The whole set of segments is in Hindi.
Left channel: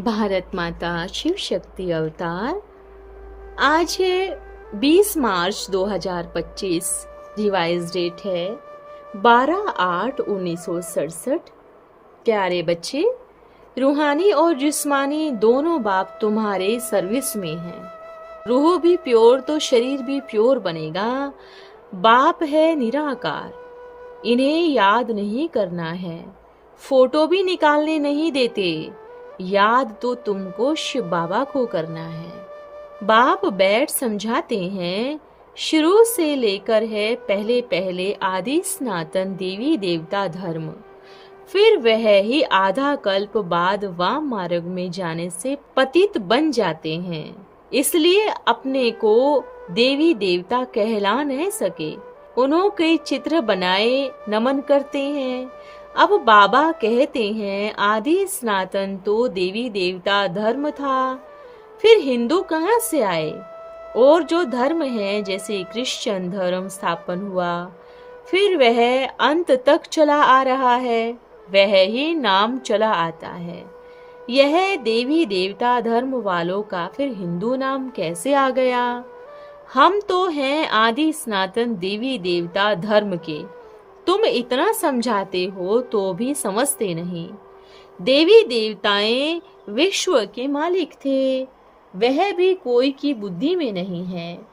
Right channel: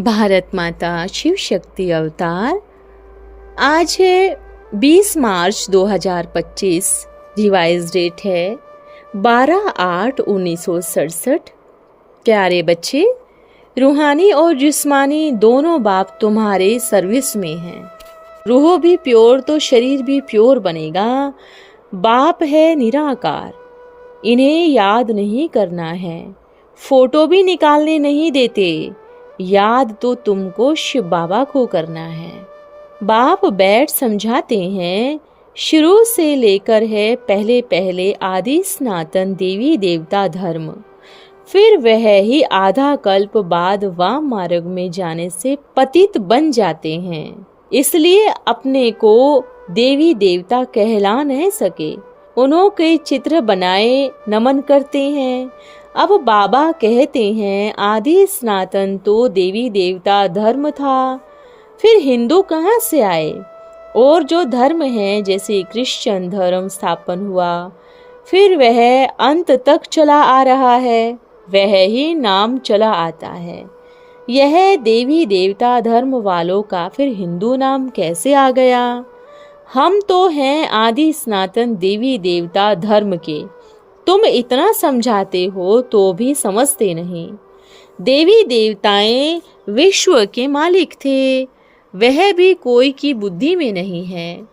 भारत माता शिव शक्ति अवतार। आज है 20 मार्च 2025। रिवाइज डेट है 12/8/1967। प्यारे बच्चे, रूहानी और जिस्मानी दोनों बाप तुम्हारे सर्विस में हैं। रूह भी प्योर तो शरीर भी प्योर बनेगा। बाप है निराकार, इन्हें याद नहीं करना है, फोटो भी निकालने नहीं देते। याद तो तुमको शिव बाबा को करना है। बाप बैठ समझाते हैं, शुरू से लेकर है पहले पहले आदि सनातन देवी देवता धर्म, फिर वह ही आधा कल्प बाद वाम मार्ग में जाने से पतित बन जाते हैं। इसलिए अपने को देवी देवता कहला नहीं सके, उन्हों के चित्र बनाए नमन करते हैं। अब बाबा कहते हैं आदि सनातन तो देवी देवता धर्म था, फिर हिंदू कहाँ से आए? और जो धर्म है जैसे क्रिश्चियन धर्म स्थापन हुआ, फिर वह अंत तक चला आ रहा है, वह ही नाम चला आता है। यह देवी देवता धर्म वालों का फिर हिंदू नाम कैसे आ गया? हम तो हैं आदि सनातन देवी देवता धर्म के। तुम इतना समझाते हो तो भी समझते नहीं। देवी देवताएं विश्व के मालिक थे, वह भी कोई की बुद्धि में नहीं है।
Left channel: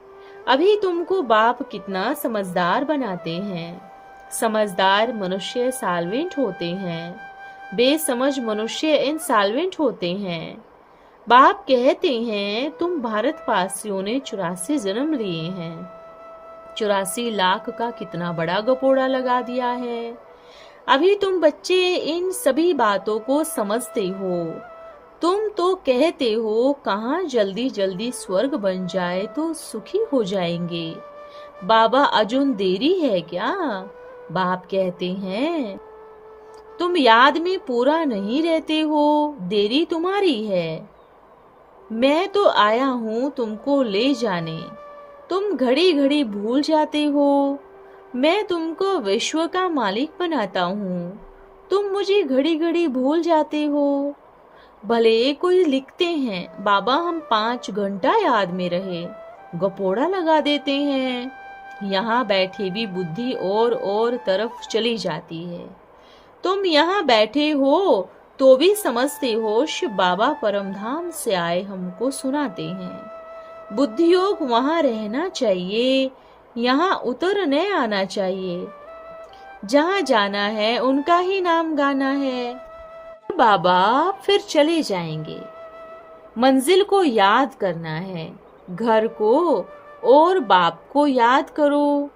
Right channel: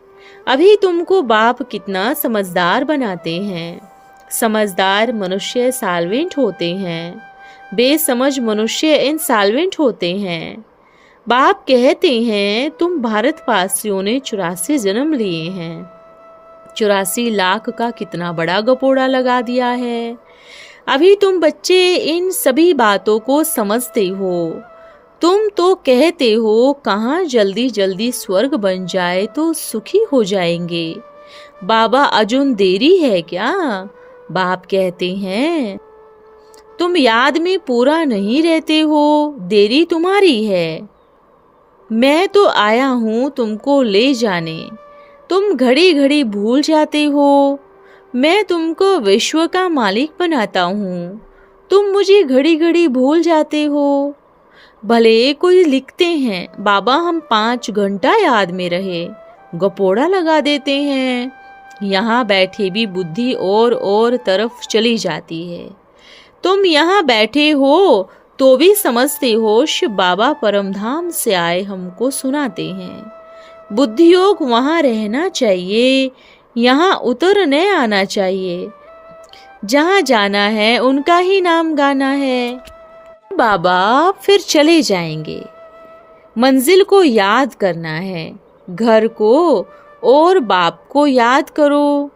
अभी तुमको बाप कितना समझदार बनाते हैं। समझदार मनुष्य साल्वेंट होते हैं, बेसमझ मनुष्य इनसाल्वेंट होते हैं। बाप कहते हैं तुम भारतवासियों ने 84 जन्म लिए हैं, 84 लाख का कितना बड़ा गपोड़ा लगा दिया है। अभी तुम बच्चे इन सभी बातों को समझते हो। तुम तो कहते हो कहाँ जल्दी जल्दी स्वर्ग बन जाए तो सुखी हो जाएंगे। बाबा अजुन देरी है क्या? बाप कहते हैं तुम याद में पूरा नहीं रहते हो, देरी तुम्हारी है। मैं तो आया हूँ तुमको ले जाने, तुम घड़ी घड़ी भूल जाते हो। मैं तुमको विश्व का मालिक बनाता हूँ, तुम मुझे घड़ी घड़ी भूल जाते हो। भले कोई लिखते हैं बाबा हम 5 घंटा याद में रहे, गपोड़ा लगा देते हैं। यहाँ बैठे भी बुद्धि और तरफ चली जाती है। तुम यहाँ बैठे हो तो भी समझते हो शिव बाबा परमधाम से आए हमको सुनाते हैं। बुद्धि योग वहाँ रहना चाहिए, यहाँ उतरने आना चाहिए। जहाँ जाना है उनका ही नाम गाना है। बाबा फिर चले जाएंगे। मंजिल को याद करना है, घर को और बाप को याद करो।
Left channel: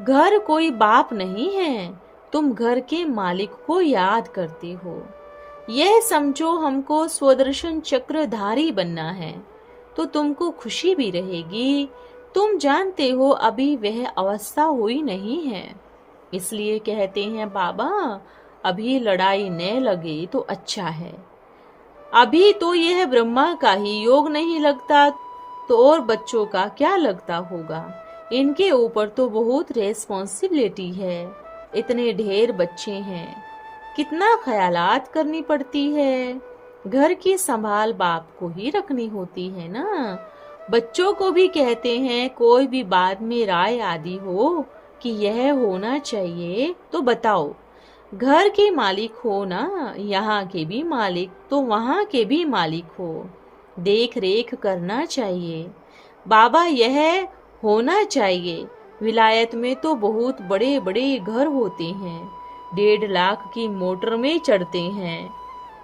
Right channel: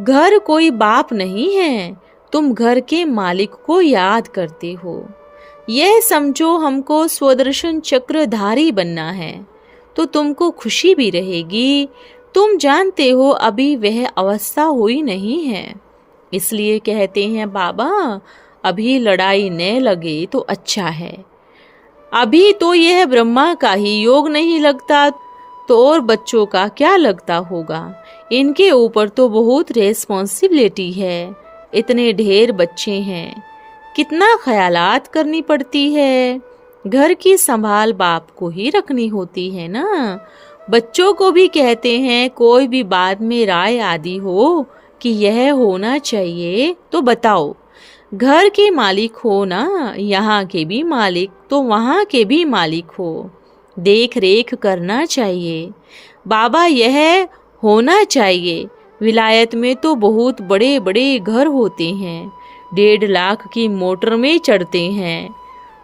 घर कोई बाप नहीं है, तुम घर के मालिक को याद करते हो। यह समझो हमको स्वदर्शन चक्रधारी बनना है तो तुमको खुशी भी रहेगी। तुम जानते हो अभी वह अवस्था हुई नहीं है, इसलिए कहते हैं बाबा अभी लड़ाई न लगे तो अच्छा है। अभी तो यह ब्रह्मा का ही योग नहीं लगता तो और बच्चों का क्या लगता होगा। इनके ऊपर तो बहुत रेस्पॉन्सिबिलिटी है, इतने ढेर बच्चे हैं, कितना ख्यालात करनी पड़ती है। घर की संभाल बाप को ही रखनी होती है ना। बच्चों को भी कहते हैं कोई भी बात में राय आदि हो कि यह होना चाहिए तो बताओ। घर के मालिक हो ना, यहाँ के भी मालिक तो वहाँ के भी मालिक हो, देख रेख करना चाहिए। बाबा यह होना चाहिए। विलायत में तो बहुत बड़े बड़े घर होते हैं, 1.5 लाख की मोटर में चढ़ते हैं।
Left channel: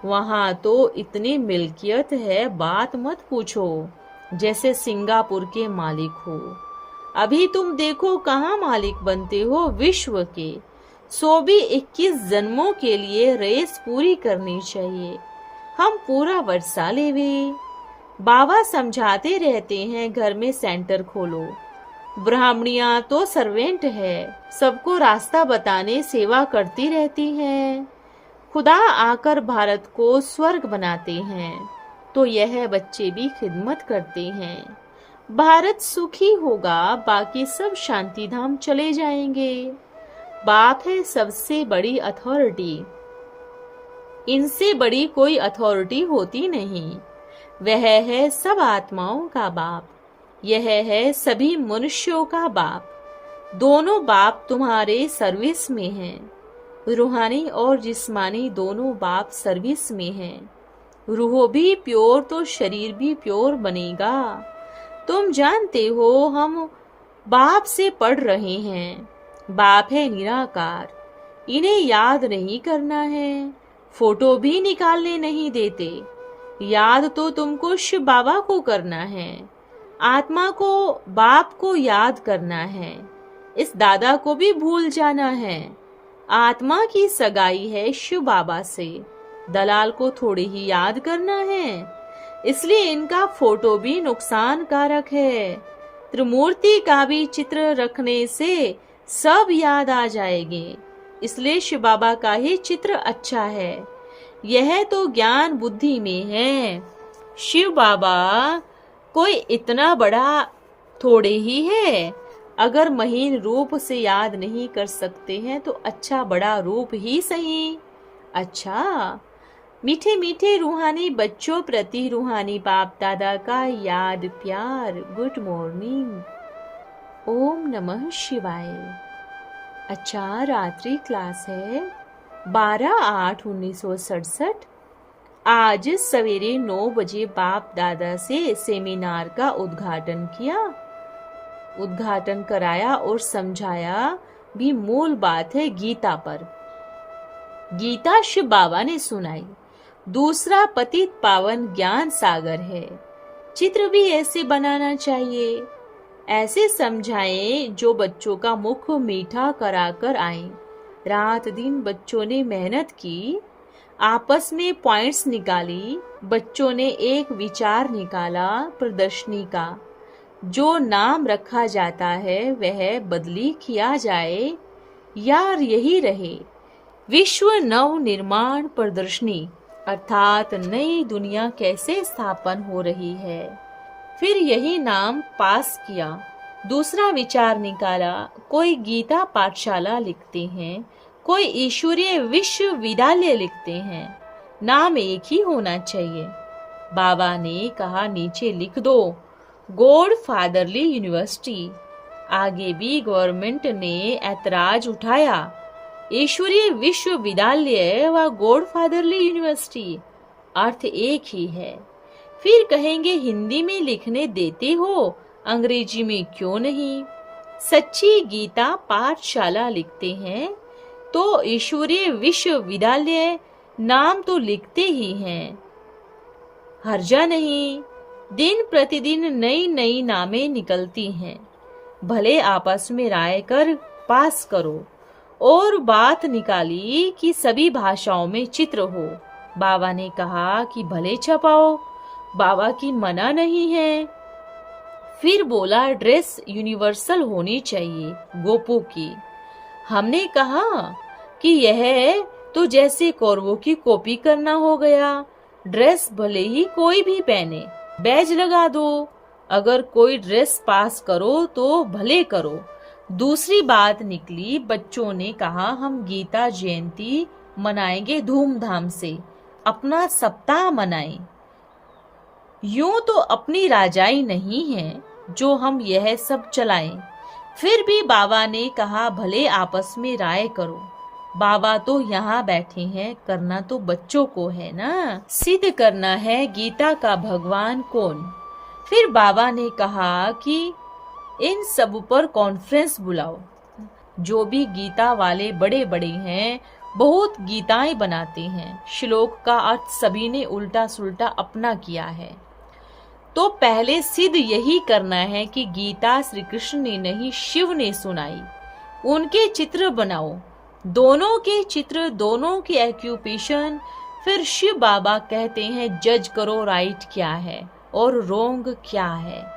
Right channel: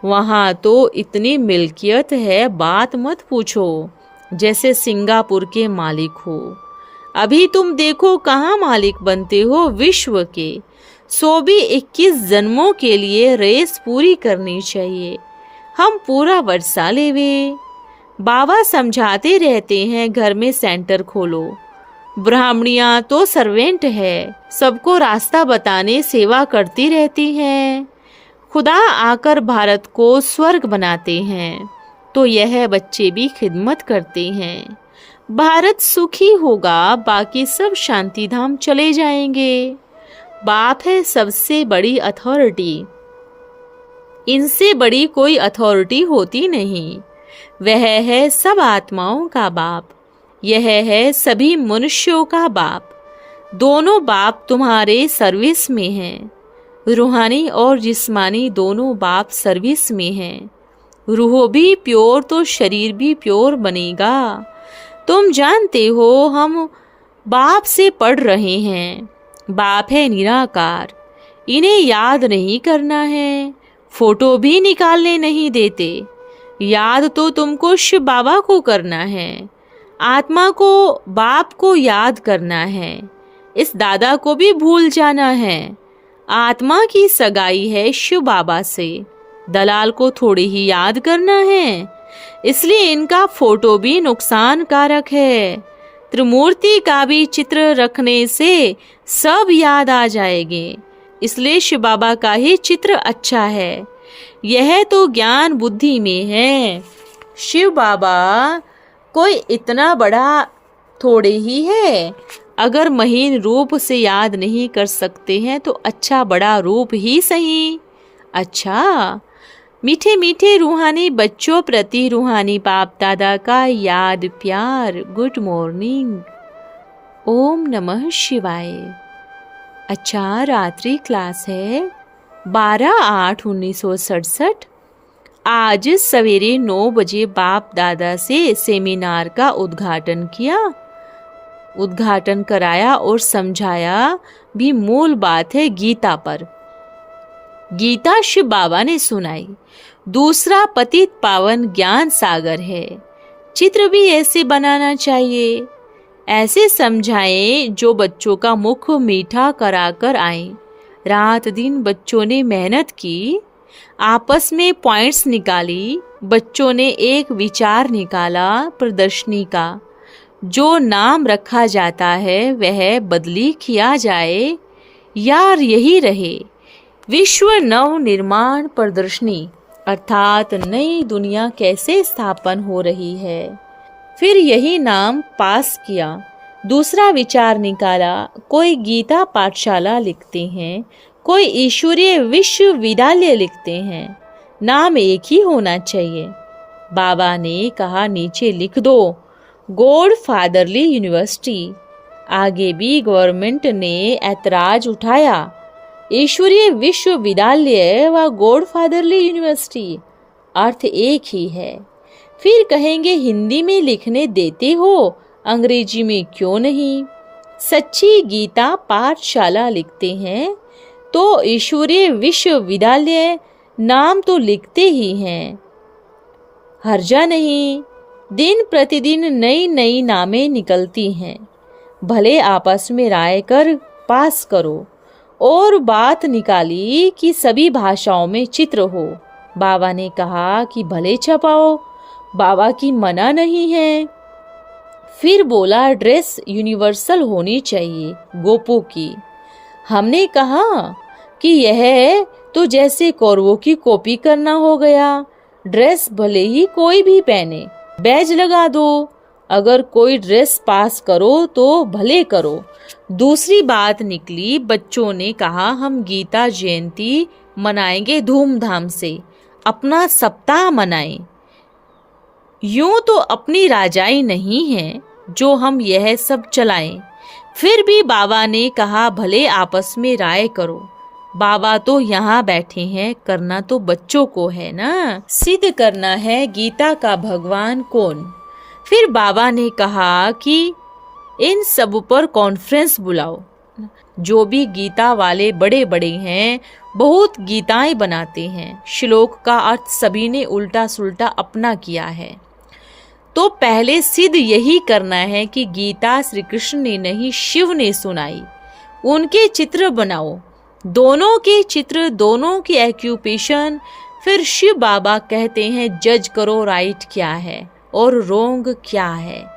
वहाँ तो इतनी मिल्कियत है बात मत पूछो, जैसे सिंगापुर के मालिक हो। अभी तुम देखो कहाँ मालिक बनते हो विश्व के। सो भी 21 जन्मों के लिए रेस पूरी करनी चाहिए। हम पूरा वर्षा लेवे। बाबा समझाते रहते हैं घर में सेंटर खोलो। ब्राह्मणियाँ तो सर्वेंट है, सबको रास्ता बताने सेवा करती रहती हैं। खुदा आकर भारत को स्वर्ग बनाते हैं तो यह बच्चे भी खिदमत करते हैं। भारत सुखी होगा, बाकी सब शांति धाम चले जाएंगे। बाप है सबसे बड़ी अथॉरिटी, इनसे बड़ी कोई अथॉरिटी होती नहीं। वह है सब आत्माओं का बाप, यह है सभी मनुष्यों का बाप। दोनों बाप तुम्हारे सर्विस में हैं। रूहानी और जिस्मानी दोनों बाप सर्विस में हैं। रूह भी प्योर तो शरीर भी प्योर बनेगा। तुम जानते हो हम बाप से पढ़ रहे हैं। बाप है निराकार, इन्हें याद नहीं करना है, फोटो भी निकालने नहीं देते। याद तो तुमको शिव बाबा को करना है, आत्मा को बाप को याद करना है। इस दादा को भी भूल जाना है। आत्मा की सगाई है शिव बाबा से, दलाल को थोड़ी ही याद करना है, इसलिए इनका फोटो भी नुकसान कारक है। त्रिमूर्ति का भी चित्र रखने से सब याद आ जाएंगे, इसलिए शिव बाबा का ही चित्र अच्छा है। यह तो ज्ञान बुद्धि में है। शिव बाबा कोई इतना बड़ा थोड़े ही है। अगर महीन रूप से याद नहीं कर सकते हैं तो अच्छा बड़ा रूप ही सही। अच्छा, मीठे मीठे रूहानी बच्चों प्रति रूहानी बाप दादा का याद प्यार। Good morning. ओम नमः शिवाय। अच्छा, रात्रि क्लास है 12/8/1967। आज सवेरे 9 बजे बाप दादा से सेमिनार का उद्घाटन कराया और समझाया भी। मूल बात है गीता पर। गीता शिव बाबा ने सुनाई। दूसरा पतित पावन ज्ञान सागर है। चित्र भी ऐसे बनाना चाहिए, ऐसे समझाएं जो बच्चों का मुख मीठा कराकर आए। रात दिन बच्चों ने मेहनत की, आपस में पॉइंट्स निकाली। बच्चों ने एक विचार निकाला प्रदर्शनी का। जो नाम रखा जाता है वह बदली किया जाए, यार यही रहे। विश्व नव निर्माण प्रदर्शनी अर्थात नई दुनिया कैसे स्थापन हो रही है। फिर यही नाम पास किया। दूसरा विचार निकाला। कोई गीता पाठशाला लिखते हैं, कोई ईश्वरीय विश्वविद्यालय लिखते हैं। नाम एक ही होना चाहिए। बाबा ने कहा नीचे लिख दो गॉड फादरली यूनिवर्सिटी। आगे भी गवर्नमेंट ने ऐतराज उठाया। ईश्वरीय विश्वविद्यालय व गॉड फादरली यूनिवर्सिटी अर्थ एक ही है। फिर कहेंगे हिंदी में लिखने देते हो, अंग्रेजी में क्यों नहीं। सच्ची गीता पाठशाला लिखते हैं तो ईश्वरीय विश्वविद्यालय नाम तो लिखते ही हैं। हर्जा नहीं। दिन प्रतिदिन नई नई नामें निकलती हैं। भले आपस में राय कर पास करो। और बात निकाली कि सभी भाषाओं में चित्र हो। बाबा ने कहा कि भले छपाओ, बाबा की मना नहीं है। फिर बोला ड्रेस यूनिवर्सल होनी चाहिए गोपू की। हमने कहा कि यह तो जैसे कौरवों की कॉपी करना हो गया। ड्रेस भले ही कोई भी पहने, बैज लगा दो। अगर कोई ड्रेस पास करो तो भले करो। दूसरी बात निकली, बच्चों ने कहा हम गीता जयंती मनाएंगे धूमधाम से, अपना सप्ताह मनाएं। यूं तो अपनी राजाई नहीं है जो हम यह सब चलाएं। फिर भी बाबा ने कहा भले आपस में राय करो। बाबा तो यहाँ बैठे हैं, करना तो बच्चों को है ना, सिद्ध करना है गीता का भगवान कौन। फिर बाबा ने कहा कि इन सब पर कॉन्फ्रेंस बुलाओ। जो भी गीता वाले बड़े बड़े हैं बहुत गीताएं बनाते हैं। श्लोक का अर्थ सभी ने उल्टा सुल्टा अपना किया है। तो पहले सिद्ध यही करना है कि गीता श्री कृष्ण ने नहीं शिव ने सुनाई। उनके चित्र बनाओ, दोनों के चित्र, दोनों की एक्यूपेशन। फिर शिव बाबा कहते हैं जज करो राइट क्या है और रोंग क्या है।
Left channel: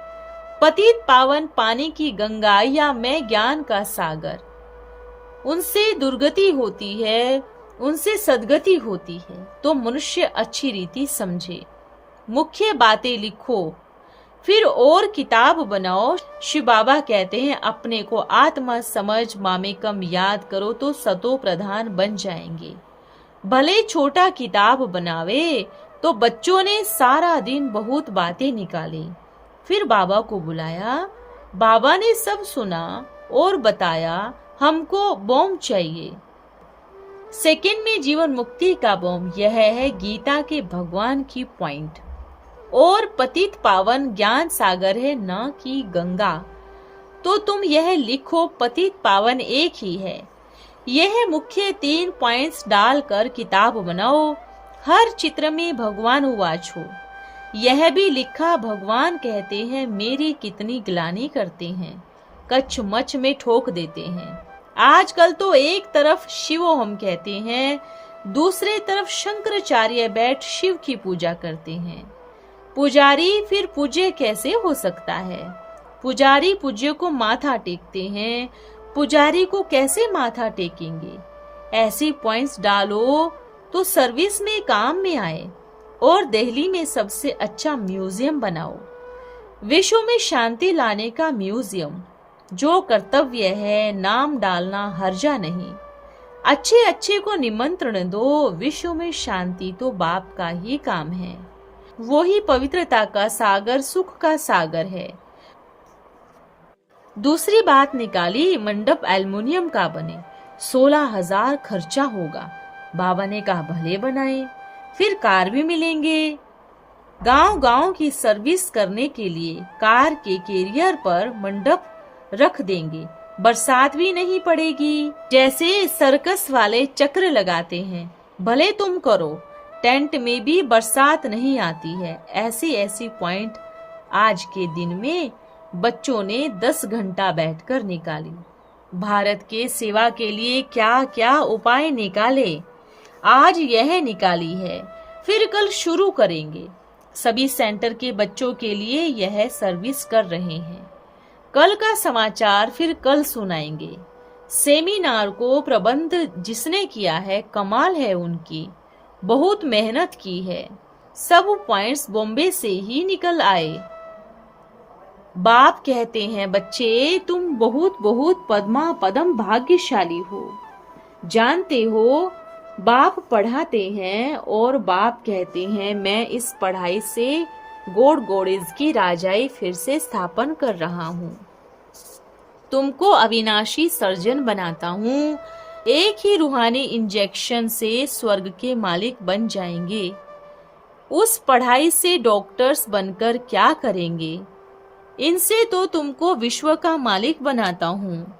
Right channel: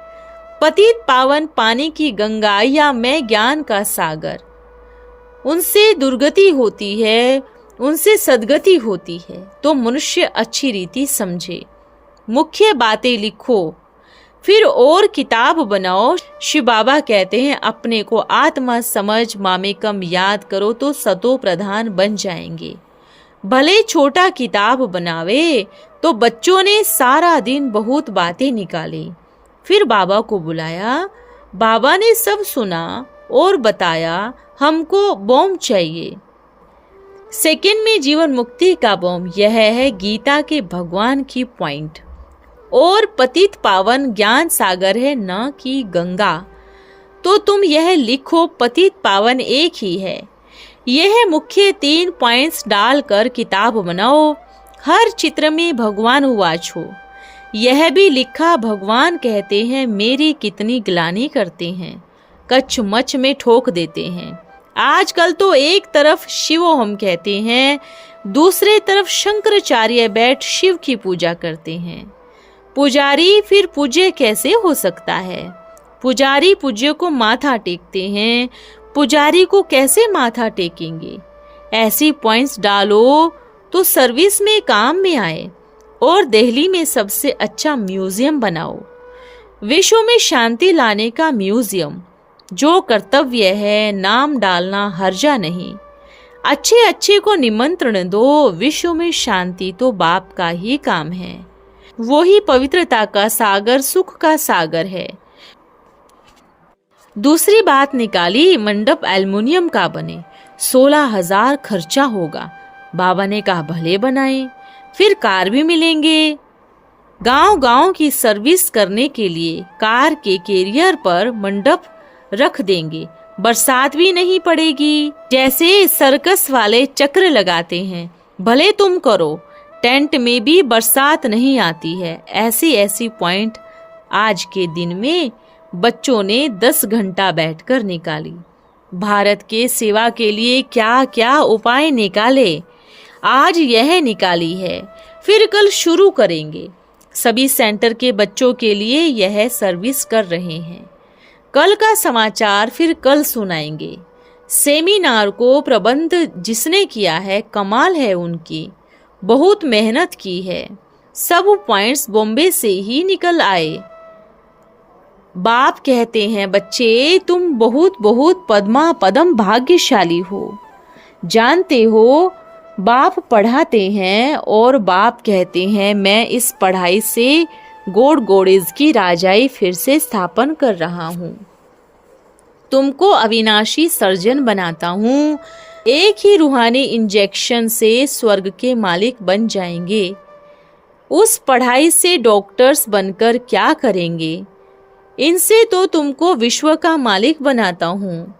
पतित पावन पानी की गंगा या मैं ज्ञान का सागर। उनसे दुर्गति होती है, उनसे सदगति होती है। तो मनुष्य अच्छी रीति समझे, मुख्य बातें लिखो। फिर और किताब बनाओ। शिव बाबा कहते हैं अपने को आत्मा समझ मामेकम याद करो तो सतो प्रधान बन जाएंगे। भले छोटा किताब बनावे। तो बच्चों ने सारा दिन बहुत बातें निकाली। फिर बाबा को बुलाया। बाबा ने सब सुना और बताया हमको बॉम्ब चाहिए। सेकंड में जीवन मुक्ति का बॉम्ब यह है गीता के भगवान की पॉइंट। और पतित पावन ज्ञान सागर है न कि गंगा। तो तुम यह लिखो पतित पावन एक ही है। यह मुख्य 3 पॉइंट्स डालकर किताब बनाओ। हर चित्र में भगवान उवाच हो। यह भी लिखा भगवान कहते हैं मेरी कितनी ग्लानि करते हैं, कच्छ मच में ठोक देते हैं। आजकल तो एक तरफ शिवो हम कहते हैं, दूसरे तरफ शंकराचार्य बैठ शिव की पूजा करते हैं। पुजारी फिर पूज्य कैसे हो सकता है? पुजारी पूज्य को माथा टेकते हैं, पुजारी को कैसे माथा टेकेंगे? ऐसी पॉइंट्स डालो तो सर्विस में काम में आए। और दिल्ली में सबसे अच्छा म्यूजियम बनाओ, विश्व में शांति लाने का म्यूजियम। जो कर्तव्य है नाम डालना हर्जा नहीं। अच्छे अच्छे को निमंत्रण दो। विश्व में शांति तो बाप का ही काम है। वो ही पवित्रता का सागर, सुख का सागर है। दूसरी बात निकाली, मंडप एल्युमिनियम का बने, 16,000 खर्चा होगा। बाबा ने कहा भले बनाए, फिर कार भी मिलेंगे। गांव-गांव की सर्विस करने के लिए कार के कैरियर पर मंडप रख देंगे, बरसात भी नहीं पड़ेगी। जैसे सर्कस वाले चक्र लगाते हैं, भले तुम करो, टेंट में भी बरसात नहीं आती है। ऐसी ऐसी पॉइंट आज के दिन में बच्चों ने 10 घंटा बैठकर निकाली। भारत के सेवा के लिए क्या क्या उपाय निकाले, आज यह निकाली है, फिर कल शुरू करेंगे। सभी सेंटर के बच्चों के लिए यह सर्विस कर रहे हैं। कल का समाचार फिर कल सुनाएंगे। सेमिनार को प्रबंध जिसने किया है कमाल है उनकी, बहुत मेहनत की है। सब पॉइंट्स बॉम्बे से ही निकल आए। बाप कहते हैं बच्चे तुम बहुत बहुत पद्मा पदम भाग्यशाली हो। जानते हो बाप पढ़ाते हैं और बाप कहते हैं मैं इस पढ़ाई से गोड गोडेज की राजाई फिर से स्थापन कर रहा हूँ। तुमको अविनाशी सर्जन बनाता हूँ। एक ही रूहानी इंजेक्शन से स्वर्ग के मालिक बन जाएंगे। उस पढ़ाई से डॉक्टर्स बनकर क्या करेंगे? इनसे तो तुमको विश्व का मालिक बनाता हूँ।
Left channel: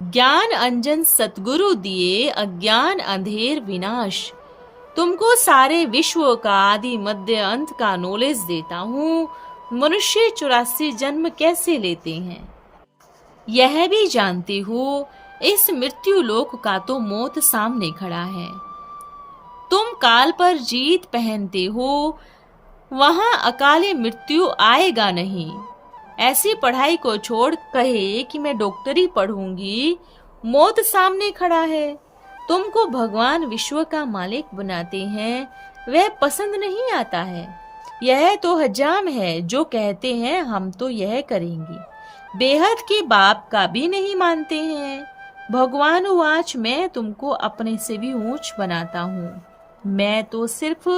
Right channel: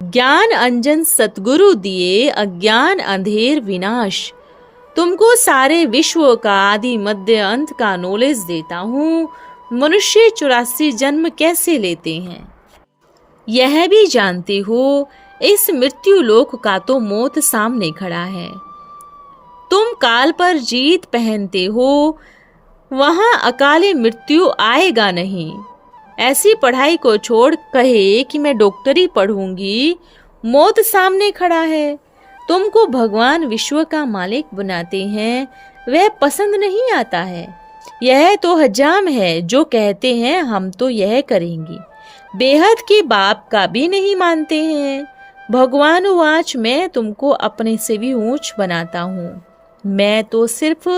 ज्ञान अंजन सतगुरु दिए, अज्ञान अंधेर विनाश। तुमको सारे विश्व का आदि मध्य अंत का नॉलेज देता हूँ। मनुष्य 84 जन्म कैसे लेते हैं यह भी जानते हो। इस मृत्यु लोक का तो मौत सामने खड़ा है। तुम काल पर जीत पहनते हो, वहां अकाले मृत्यु आएगा नहीं। ऐसी पढ़ाई को छोड़ कहे कि मैं डॉक्टरी पढ़ूंगी, मौत सामने खड़ा है। तुमको भगवान विश्व का मालिक बनाते हैं, वह पसंद नहीं आता है। यह तो हजाम है जो कहते हैं हम तो यह करेंगे, बेहद के बाप का भी नहीं मानते हैं। भगवान वाच मैं तुमको अपने से भी ऊंच बनाता हूँ। मैं तो सिर्फ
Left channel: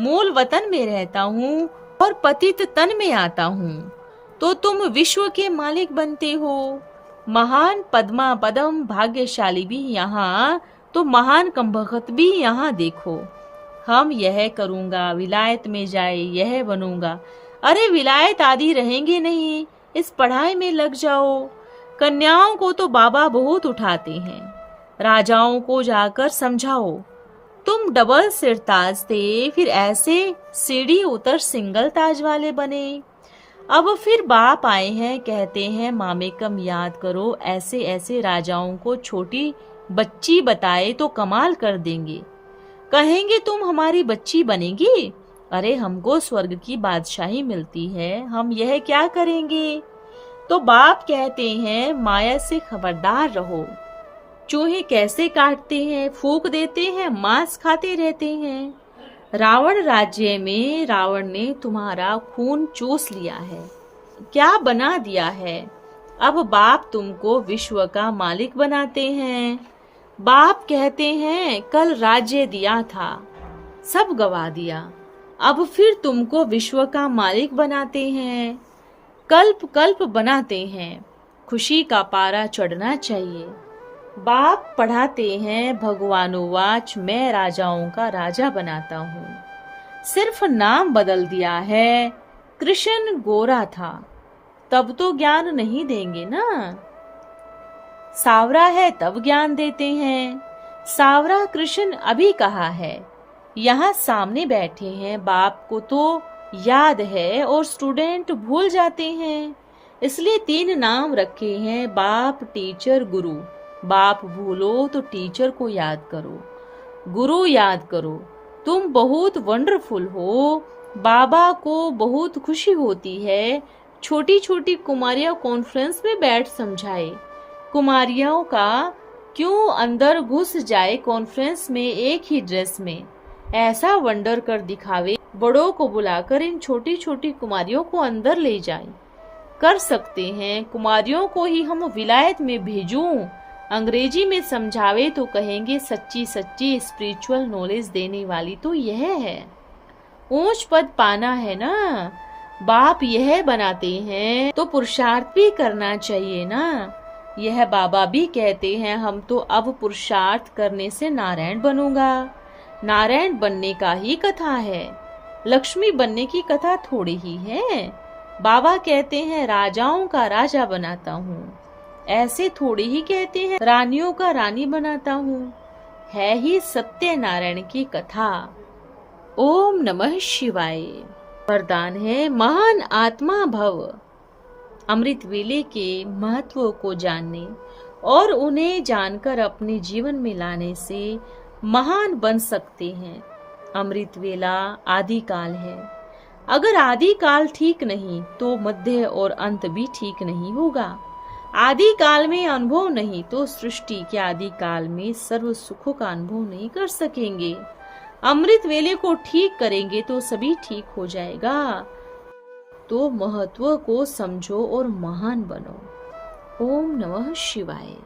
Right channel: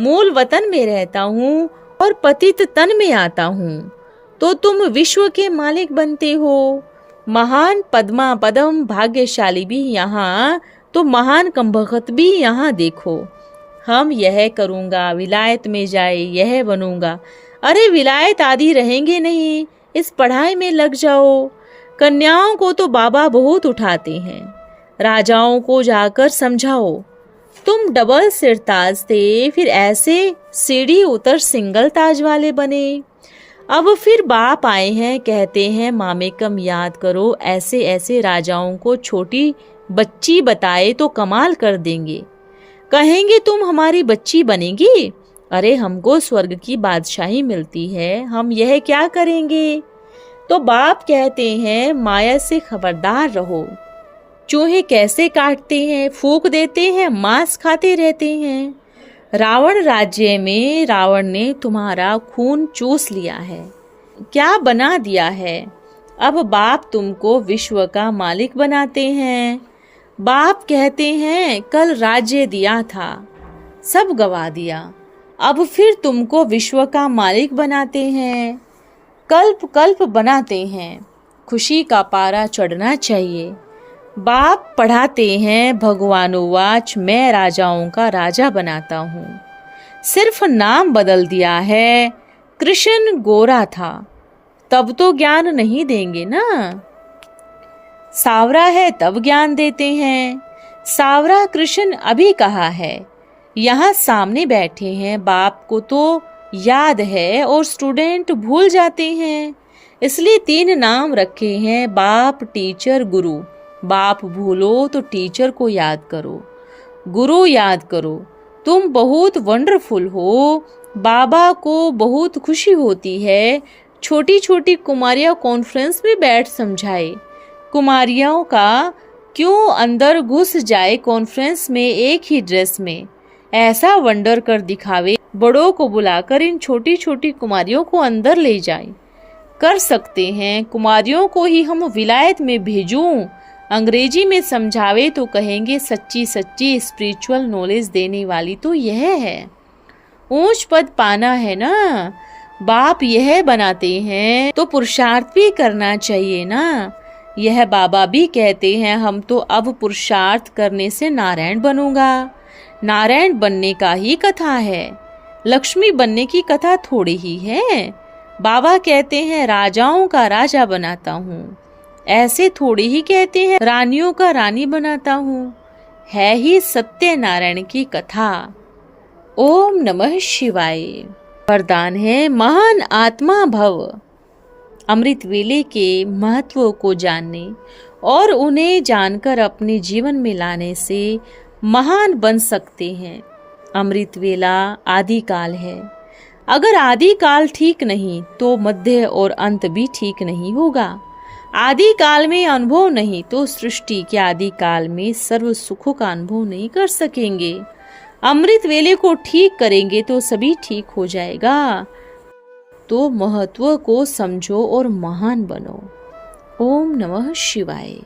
मूल वतन में रहता हूँ और पतित तन में आता हूँ, तो तुम विश्व के मालिक बनते हो। महान पद्मा पदम भाग्यशाली भी यहाँ, तो महान कमबख्त भी यहाँ देखो। हम यह करूँगा, विलायत में जाए यह बनूंगा। अरे विलायत आदि रहेंगे नहीं, इस पढ़ाई में लग जाओ। कन्याओं को तो बाबा बहुत उठाते हैं, राजाओं को जाकर समझाओ। तुम डबल सिर ताज थे, फिर ऐसे सीढ़ी उतर सिंगल ताज वाले बने। अब फिर बाप आए हैं, कहते हैं मामेकम याद करो। ऐसे ऐसे राजाओं को छोटी बच्ची बताए तो कमाल कर देंगे। कहेंगे तुम हमारी बच्ची बनेगी। अरे हमको स्वर्ग की बादशाही मिलती है, हम यह क्या करेंगे? तो बाप कहते हैं माया से खबरदार रहो। चूहे कैसे काटते हैं, फूंक देते हैं, मांस खाते रहते हैं। रावण राज्य में रावण ने तुम्हारा खून चूस लिया है। क्या बना दिया है। अब बाप तुमको विश्व का मालिक बनाते हैं। बाप कहते हैं कल राज्य दिया था, सब गवा दिया, अब फिर तुमको विश्व का मालिक बनाते हैं। कल्प कल्प बनाते हैं, खुशी का पारा चढ़ना चाहिए। बाप पढ़ाते हैं भगवानुवाच, मैं राजाओं का राजा बनाता हूँ। सिर्फ नाम बदल दिया है, कृष्ण गोरा था, तब तो ज्ञान नहीं देंगे ना। सावरा है तब ज्ञान देते हैं। सावरा कृष्ण अभी कहा है, यहाँ सामने बैठे हैं, बाप को तो याद है और स्टूडेंट भूल जाते हैं। इसलिए 3 नाम रखे हैं, बाप, टीचर, गुरु। बाप भूलो तो टीचर को याद करो, गुरु याद करो। तुम बहुत वंडरफुल हो, बाबा को बहुत खुशी होती है। छोटी छोटी कुमारियाँ कॉन्फ्रेंस में बैठ समझाए, कुमारियों का क्यों अंदर घुस जाए कॉन्फ्रेंस में एक ही ड्रेस में, ऐसा वंडर कर दिखावे। बड़ों को बुलाकर इन छोटी छोटी कुमारियों को अंदर ले जाए। कर सकते हैं, कुमारियों को ही हम विलायत में भेजूं, अंग्रेजी में समझावे तो कहेंगे सच्ची सच्ची स्पिरिचुअल नॉलेज देने वाली तो यह है। ऊंच पद पाना है ना, बाप यह बनाते हैं तो पुरुषार्थ भी करना चाहिए ना। यह बाबा भी कहते हैं, हम तो अब पुरुषार्थ करने से नारायण बनूंगा। नारायण बनने का ही कथा है, लक्ष्मी बनने की कथा थोड़ी ही है। बाबा कहते हैं राजाओं का राजा बनाता हूँ, ऐसे थोड़ी ही कहते हैं रानियों का रानी बनाता हूँ। है ही सत्यनारायण की कथा। ओम नमः शिवाय। वरदान है महान आत्मा भव। अमृत वेले के महत्व को जानने और उन्हें जानकर अपने जीवन में लाने से महान बन सकते हैं। अमृत वेला आदि काल है। अगर आदि काल ठीक नहीं तो मध्य और अंत भी ठीक नहीं होगा। आदि काल में अनुभव नहीं तो सृष्टि के आदि काल में सर्व सुखों का अनुभव नहीं कर सकेंगे। अमृत वेले को ठीक करेंगे तो सभी ठीक हो जाएगा। तो महत्व को समझो और महान बनो। ओम नमः शिवाय।